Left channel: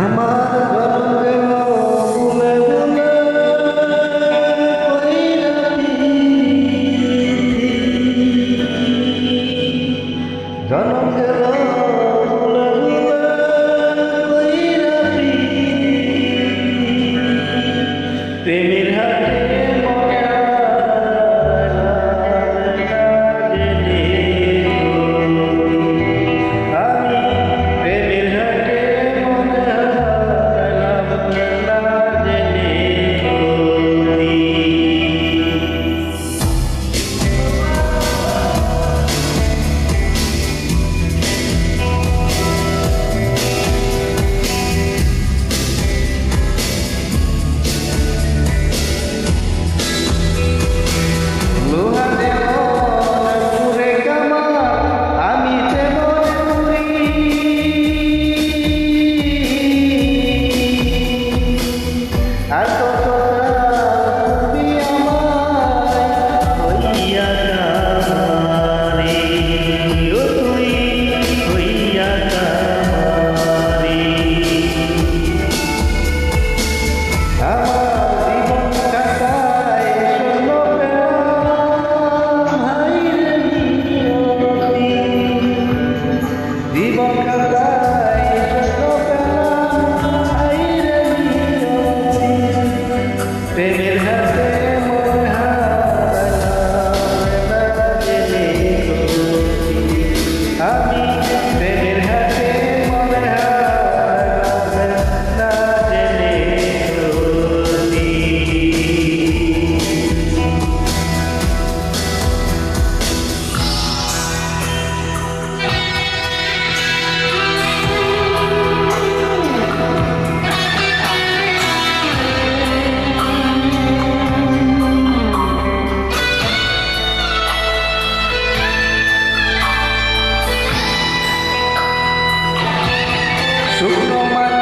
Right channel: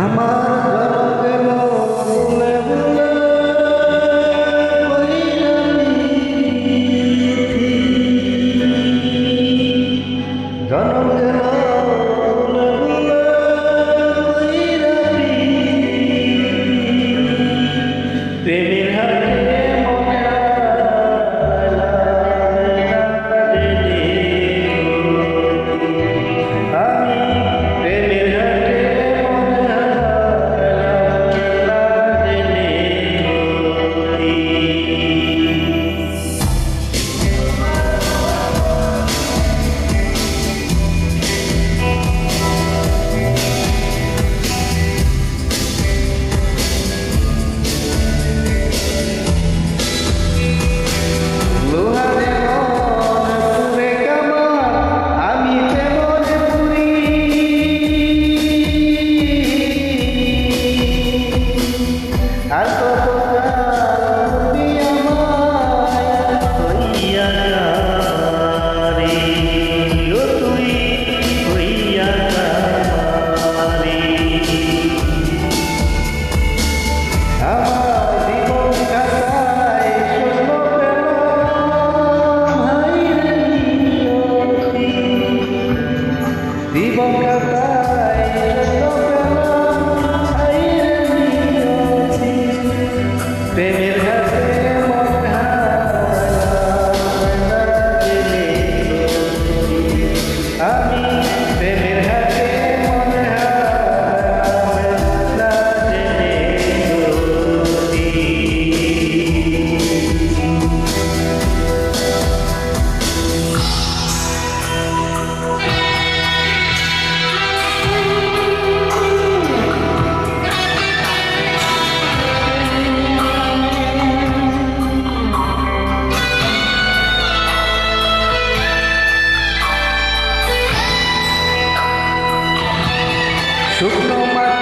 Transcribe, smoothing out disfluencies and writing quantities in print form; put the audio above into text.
আমার জনম গেল বুলে বুলে কইরা পিরিতি জনম গেল বুলে বুলে কইরা পিরিতি প্রেমের হাটে মনে আমি প্রেমের হাটে আর কত কালবি আমায় হইয়া কামারে ও তুই হইয়া কামারে আমার জীবন খাতায় শূন্য পেলাম হাইরে নিয়তি জীবন খাতায় শূন্য পেলাম হাইরে নিয়তি প্রেমের হাতে মন হারাইলাম না জেনে সত্যি আমি প্রেমের হাতে মন হারাইলাম না জেনে সত্যি শুকনো মাটি